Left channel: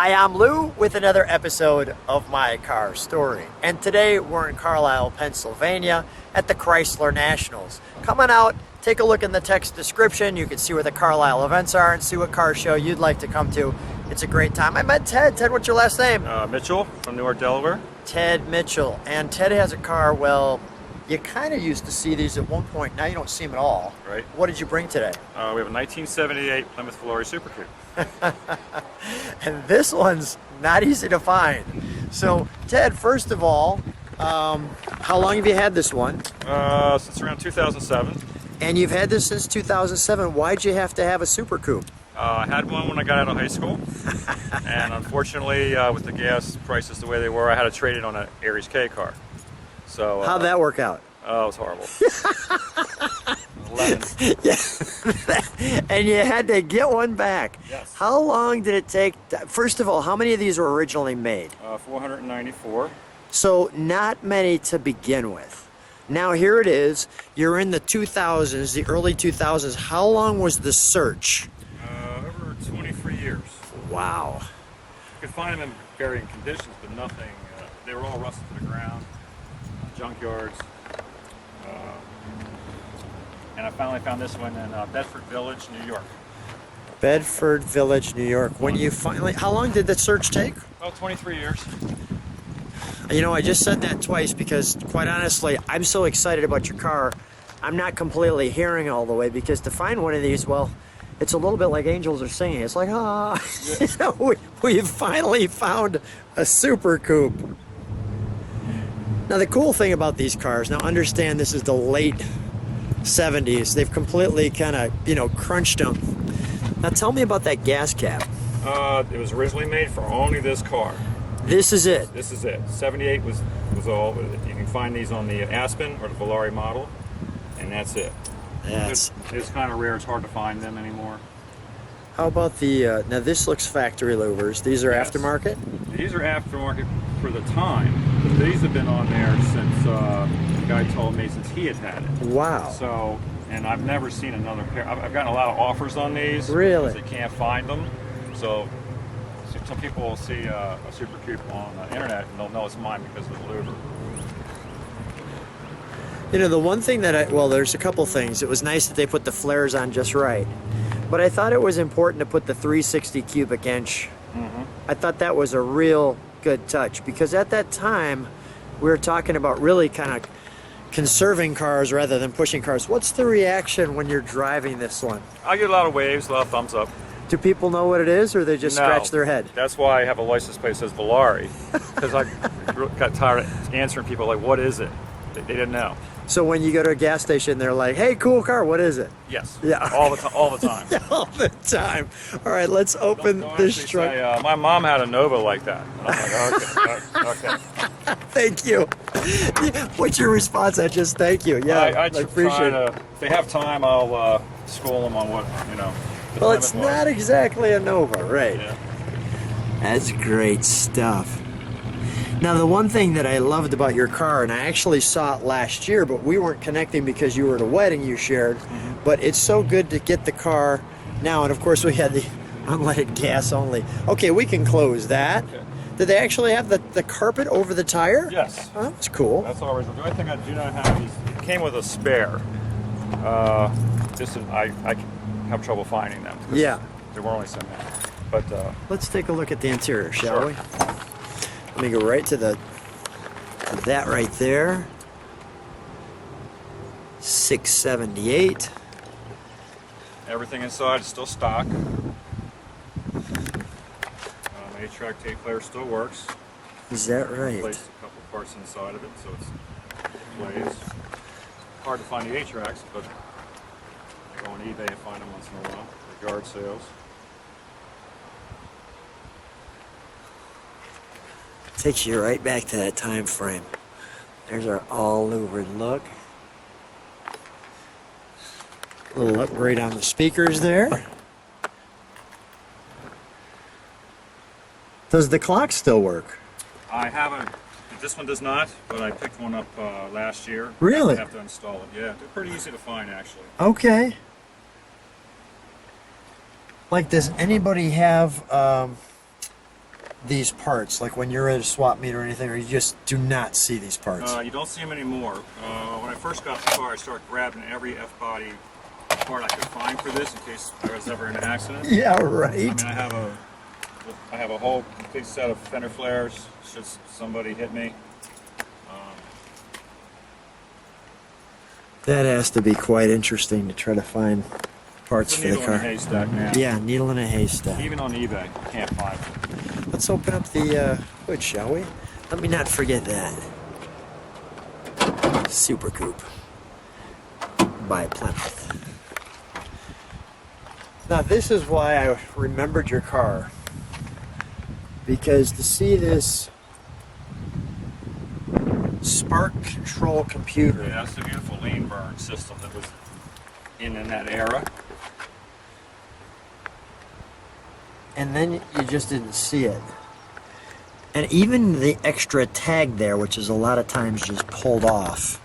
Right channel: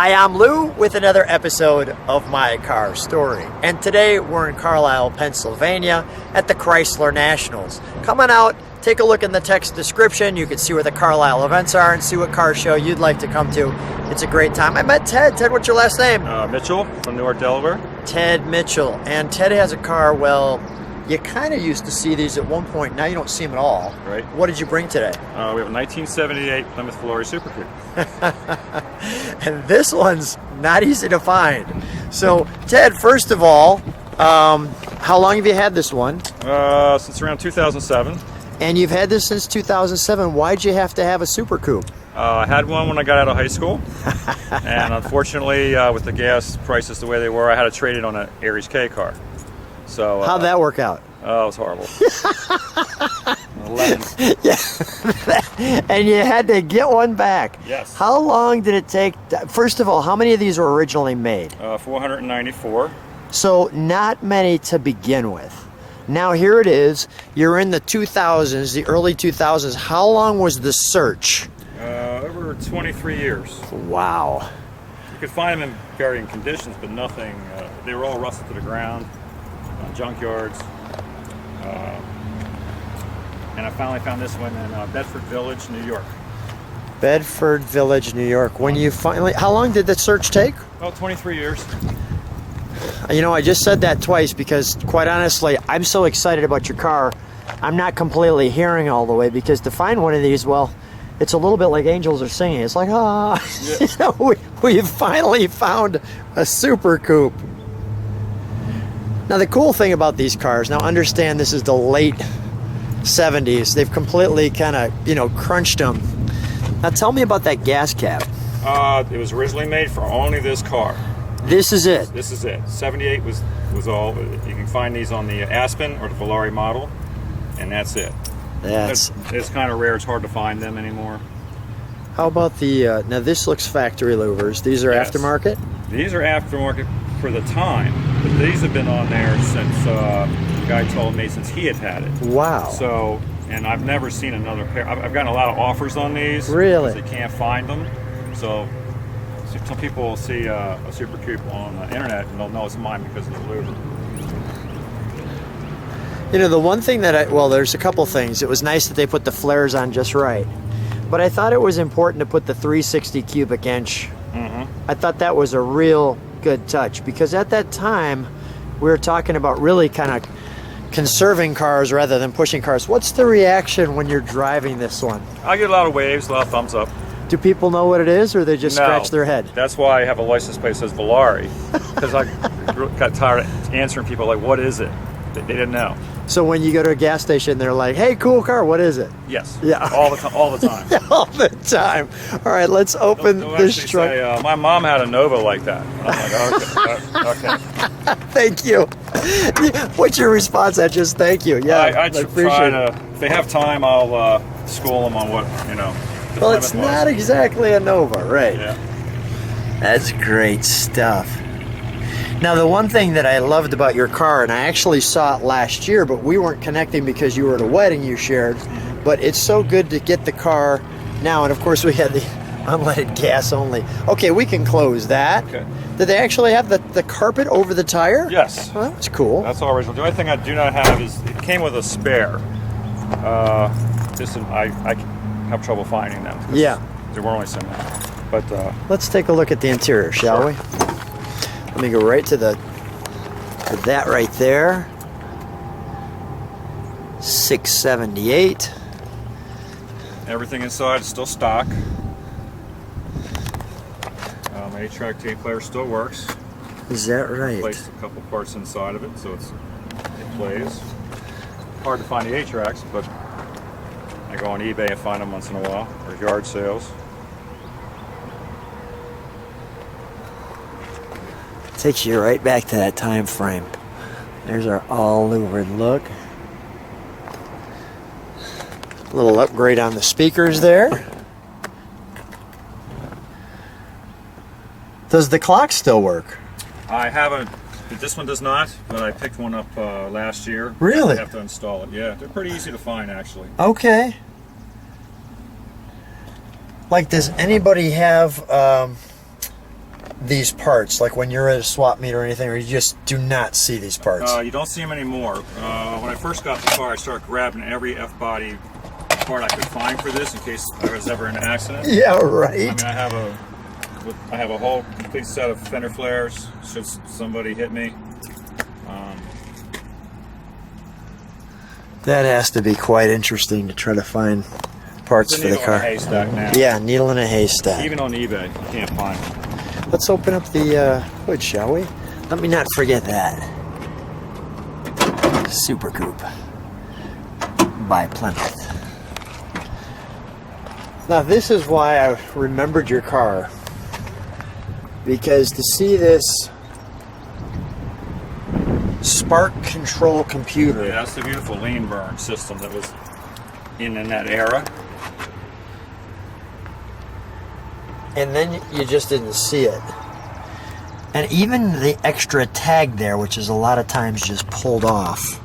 Hi, I'm Lou with another episode of My Car Story. And today we're in Carlisle, Pennsylvania at the Chrysler Nationals. Come on out, take a look in the text description. You can see where the Carlisle events are and see what car show you'd like to come to. It's a great time. I met Ted. Ted, what's your last name? Mitchell from Newark, Delaware. Ted Mitchell. And Ted has a car, well, you kind of used to see these at one point. Now you don't see them at all. Right. What did you bring today? We have a 1978 Plymouth Volare Super Coupe. And this one's not easy to find. So, Ted, first of all, how long have you had this one? Since around 2007. And you've had this since 2007. Why'd you have to have a Super Coupe? I had one when I got out of high school. And unfortunately, with the gas prices the way they were, I had to trade it on an Aries K car. So, how'd that work out? Oh, it was horrible. 11. Yeah. And you had to get one back. Yes. How long did it take? First of all, how many of these were originally made? 494. So not many to begin with. Now here it is. You're in the 2000s, the early 2000s. How long was the search? Over 23 years. Wow. You could find them in varying conditions, but nothing. They were all rusted to the ground, junkyards. And I finally found this one in Bedford Village, New York. Bedford Village, New York. When you finally, how long did that search take? Well, 23 years. You know, I just said that twice because, quite honestly, I'm so excited about your car. I'm not completely hearing all the way because to find one of these, well, it's a little bit like angels are singing. It's like, ah, yeah. You know, we finally found a Super Coupe. Now, the cool thing about these cars, now understand this is the late 70s. They've completely kind of, crunched them. Now, tell me about that gas cap. It was originally made for only this car. This is it. This is it. 78 was all. You can find these on the Aspen or the Volare model, and that's it. That's. It's kind of rare. It's hard to find them anymore. How about the? Now this looks factory louvers. These are Yes. aftermarket. These are aftermarket for the time. These have been on there since the guy told me since he had it. Wow. So, and I've never seen another pair. I've gotten a lot of offers on these because they can't find them. So some people will see a Super Coupe on the internet and they'll know it's mine because of the louver. The one thing that there's a couple things. It was nice that they put the flares on just right. But I thought it was important to put the 360 cubic inch. Mm-hmm. I thought that was a real good touch because at that time we were talking about really kind of conserving cars rather than pushing cars. What's the reaction when you're driving this one? I get a lot of waves, a lot of thumbs up. Do people know what it is, or they just No. scratch their head? That's why I have a license plate that says Volare, because I got tired of answering people like, "What is it?" They didn't know. So when you go to a gas station, they're like, "Hey, cool car, what is it?" Yes. Yeah. All the time. All the time. All the time. All right, let's open They'll this actually truck. say, "My mom had a Nova like that," and I'm like, "Okay, okay." Thank you. What's your response? I just thank you. Yeah. I try to. If they have time, I'll school them on what the Well, it's Plymouth not was. exactly a Nova, right? Yeah. That's great stuff. Now, the one thing that I loved about your car, and I actually saw it last year, but we weren't connecting because you were at a wedding you shared, but it's so good to get the car now, and of course we had the unleaded gas only. Okay, we can close that. Okay. Did they actually have the carpet over the tire? Yes. Well, that's cool. That's all original. The only thing I do not have is it came with a spare. I have trouble finding them because there were only so many. But let's take a look at the interior, shall we? Let me go right to that right there. 678. everything inside is still stock. My 8-track tape player still works. Is that right? Placed a couple parts inside of it, so it plays. Hard to find the 8-tracks, but I go on eBay and find them once in a while, or yard sales. Takes you right back to that time frame. There's our all-louvered look. A little upgrade on the speakers there. Does the clock still work? I haven't. This one does not, but I picked one up last year. Really? I have to install it. Yeah, they're pretty easy to find, actually. Okay. Like, does anybody have these parts? Like when you're at a swap meet or anything, or you just do not see these parts? You don't see them anymore. When I first got the car, I started grabbing every F-body part I could find for this in case I was ever in an accident. Yeah, right. I mean, I have a whole complete set of fender flares should somebody hit me. That has to be quite interesting to try to find parts for the car. Needle in a haystack, man. Yeah, needle in a haystack. Even on eBay, you can't find them. Let's open up the hood, shall we? Let me not forget that. Super Coupe by Plymouth. Now this is why I remembered your car. Because to see this spark control computer. Yeah, that's the beautiful lean burn system that was in that era. And then you just didn't see it. And even the extra tag there, which is a lot of times just pulled off.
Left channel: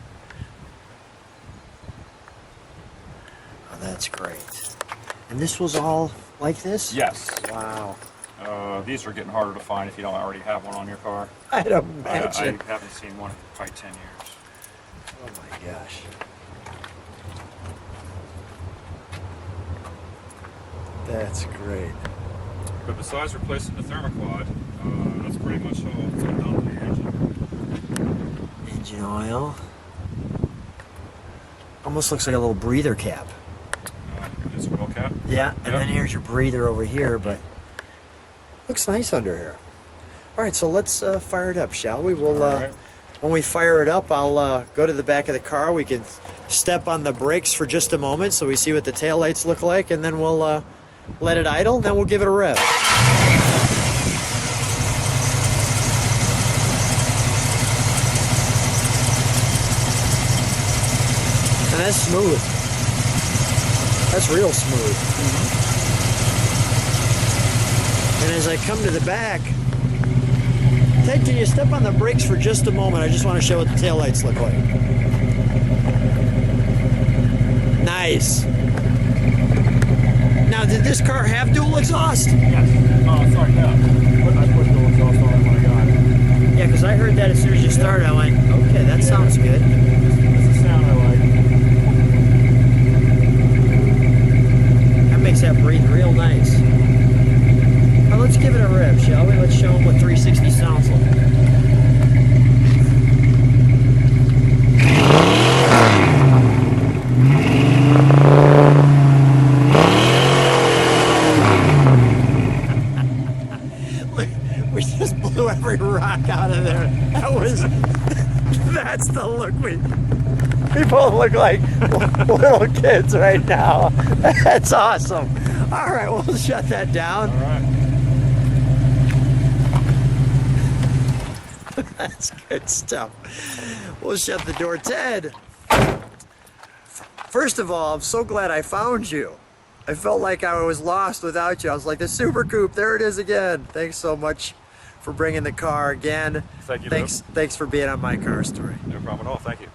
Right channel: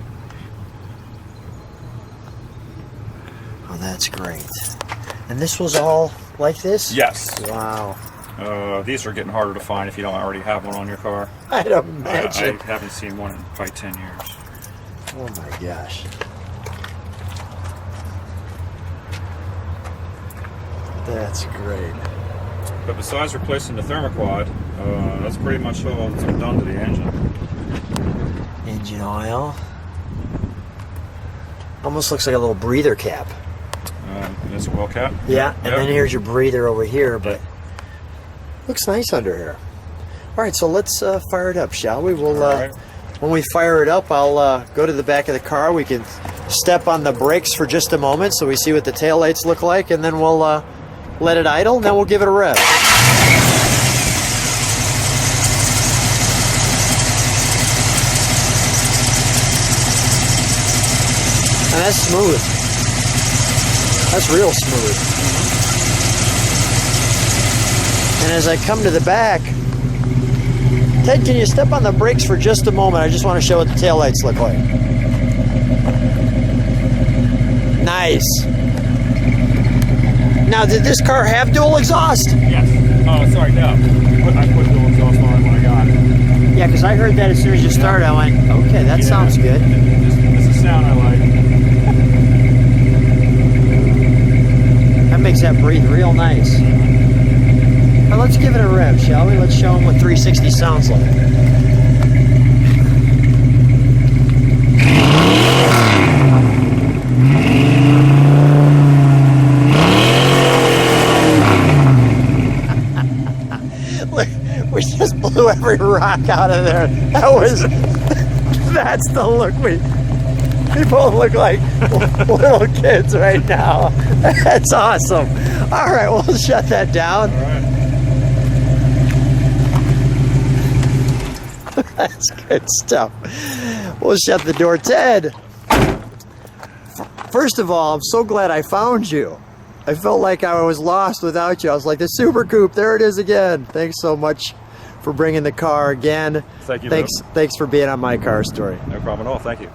Oh, that's great. And this was all like this? Yes. Wow. These are getting harder to find if you don't already have one on your car. I don't imagine. I haven't seen one in probably 10 years. Oh my gosh. That's great. But besides replacing the thermoquad, that's pretty much all that's been done to the engine. Engine oil. Almost looks like a little breather cap. And it's a well cap. Yeah, and Yep. then here's your breather over here, but Yep. looks nice under here. All right, so let's fire it up, shall we? We'll, All right. When we fire it up, I'll go to the back of the car. We can step on the brakes for just a moment so we see what the taillights look like, and then we'll let it idle, and then we'll give it a rev. That's smooth. That's real smooth. And as I come to the back, Ted, can you step on the brakes for just a moment? I just want to show what the taillights look like. Nice. Now, did this car have dual exhaust? Yes. Oh, sorry, no. I put dual exhaust on when I got it. Yeah, because I heard that as soon as you started. I went, okay, that sounds good. It's the sound I like. That makes that breathe real nice. Now let's give it a rev, shall we? Let's show them what 360 sounds like. We just blew every rock out of there. That's the look we both look like little kids right now. That's awesome. All right, we'll shut that down. All right. That's good stuff. We'll shut the door. Ted, first of all, I'm so glad I found you. I felt like I was lost without you. I was like, the Super Coupe, there it is again. Thanks so much for bringing the car again. Thank you, Lou. Thanks for being on My Car Story. No problem at all. Thank you.